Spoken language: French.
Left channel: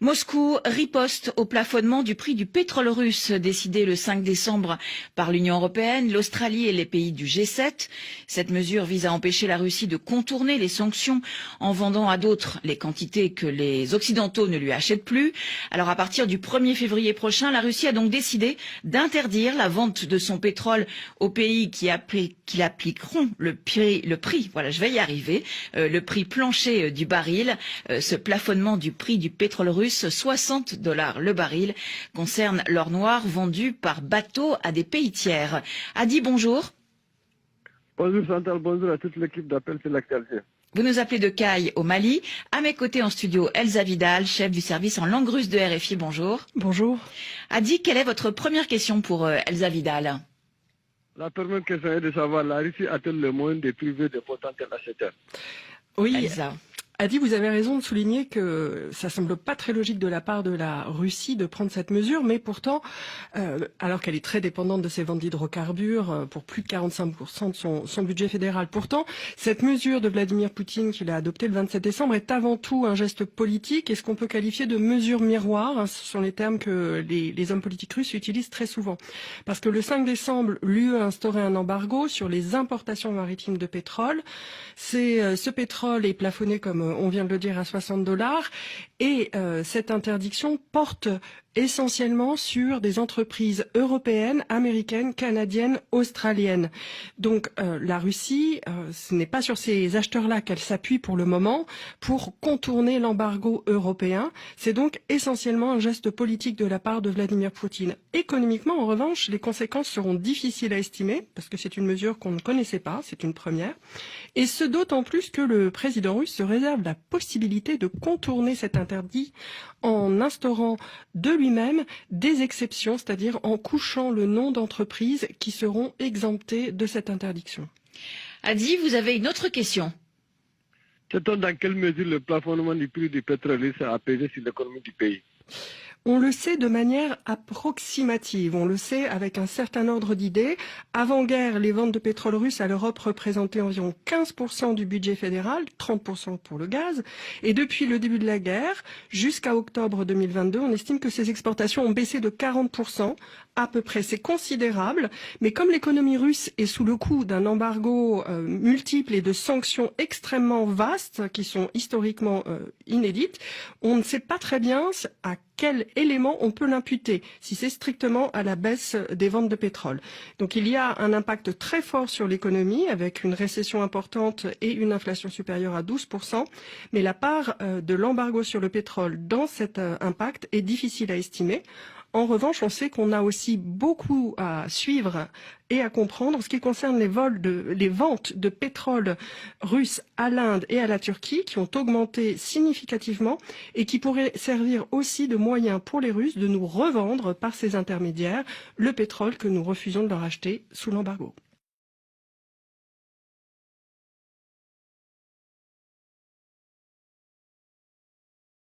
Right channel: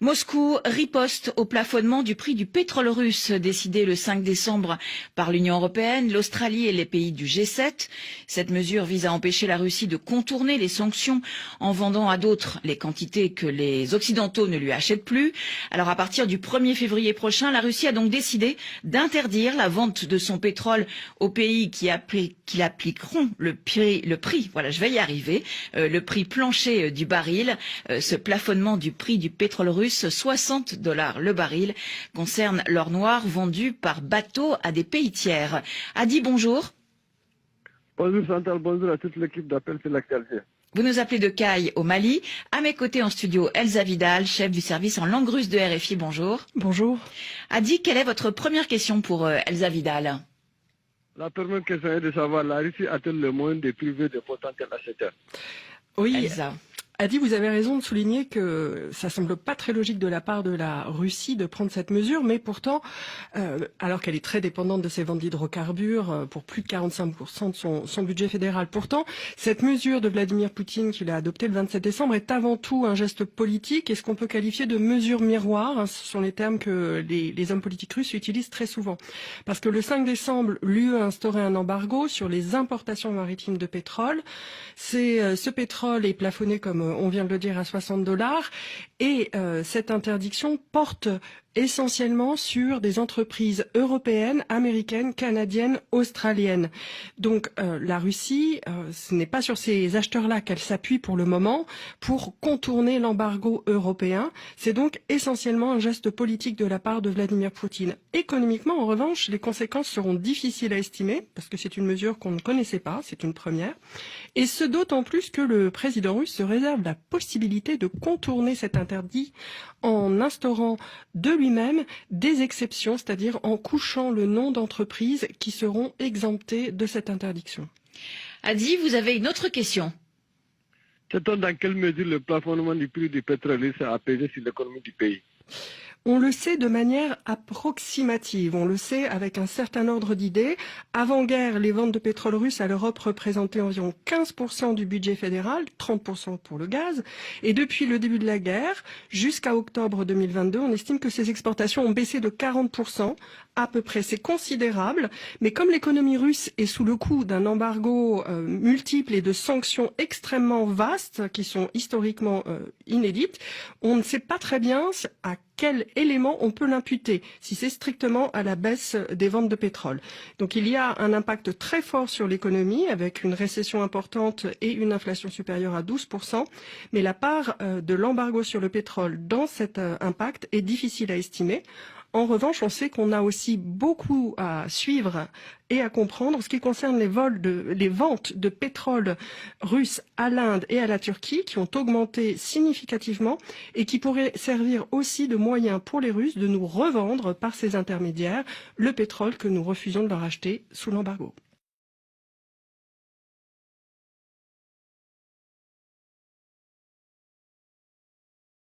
Moscou riposte au plafonnement du prix du pétrole russe décidé le 5 décembre par l'Union européenne, l'Australie et les pays du G7. Cette mesure vise à empêcher la Russie de contourner les sanctions en vendant à d'autres les quantités que les Occidentaux ne lui achètent plus. Alors à partir du 1er février prochain, la Russie a donc décidé d'interdire la vente de son pétrole aux pays qui appliqueront le prix, voilà, je vais y arriver, le prix plancher du baril. Ce plafonnement du prix du pétrole russe, $60 le baril, concerne l'or noir vendu par bateau à des pays tiers. Adi, bonjour. Bonjour Chantal, bonjour à toute l'équipe d'Appel sur l'actualité. Vous nous appelez de Caille au Mali. À mes côtés en studio, Elsa Vidal, chef du service en langue russe de RFI. Bonjour. Bonjour. Adi, quelle est votre première question pour Elsa Vidal? La première question est de savoir, la Russie a-t-elle le moyen de priver de potentiels acheteurs? Oui, Elsa. Adi, vous avez raison de souligner que ça semble pas très logique de la part de la Russie de prendre cette mesure, mais pourtant, alors qu'elle est très dépendante de ses ventes d'hydrocarbures pour plus de 45% de son budget fédéral. Pourtant, cette mesure de Vladimir Poutine qu'il a adoptée le 27 décembre est avant tout un geste politique et ce qu'on peut qualifier de mesure miroir, hein, ce sont les termes que les hommes politiques russes utilisent très souvent. Parce que le 5 décembre, l'UE a instauré un embargo sur les importations maritimes de pétrole. Ce pétrole est plafonné, comme on vient de le dire, à $60 et cette interdiction porte essentiellement sur des entreprises européennes, américaines, canadiennes, australiennes. Donc la Russie, ce n'est pas sur ces acheteurs-là qu'elle s'appuie pour le moment pour contourner l'embargo européen. C'est donc essentiellement un geste politique de la part de Vladimir Poutine. Économiquement, en revanche, les conséquences seront difficiles à estimer parce que c'est une mesure qu'on ne connaissait pas, c'est une première. Et ce d'autant plus que le président russe se réserve la possibilité de contourner cet interdit en instaurant de lui-même des exceptions, c'est-à-dire en couchant le nom d'entreprises qui seront exemptées de cette interdiction. Adi, vous avez une autre question. Sait-on dans quelle mesure le plafonnement du prix du pétrole russe a pesé sur l'économie du pays? On le sait de manière approximative, on le sait avec un certain ordre d'idées. Avant-guerre, les ventes de pétrole russe à l'Europe représentaient environ 15% du budget fédéral, 30% pour le gaz. Et depuis le début de la guerre, jusqu'à octobre 2022, on estime que ces exportations ont baissé de 40%, à peu près. C'est considérable, mais comme l'économie russe est sous le coup d'un embargo multiple et de sanctions extrêmement vastes, qui sont historiquement inédites, on ne sait pas très bien à quel élément on peut l'imputer, si c'est strictement à la baisse des ventes de pétrole. Donc il y a un impact très fort sur l'économie, avec une récession importante et une inflation supérieure à 12%, mais la part de l'embargo sur le pétrole dans cet impact est difficile à estimer. En revanche, on sait qu'on a aussi beaucoup à suivre et à comprendre en ce qui concerne les ventes de pétrole russe à l'Inde et à la Turquie qui ont augmenté significativement et qui pourraient servir aussi de moyen pour les Russes de nous revendre par ces intermédiaires le pétrole que nous refusons de leur acheter sous l'embargo.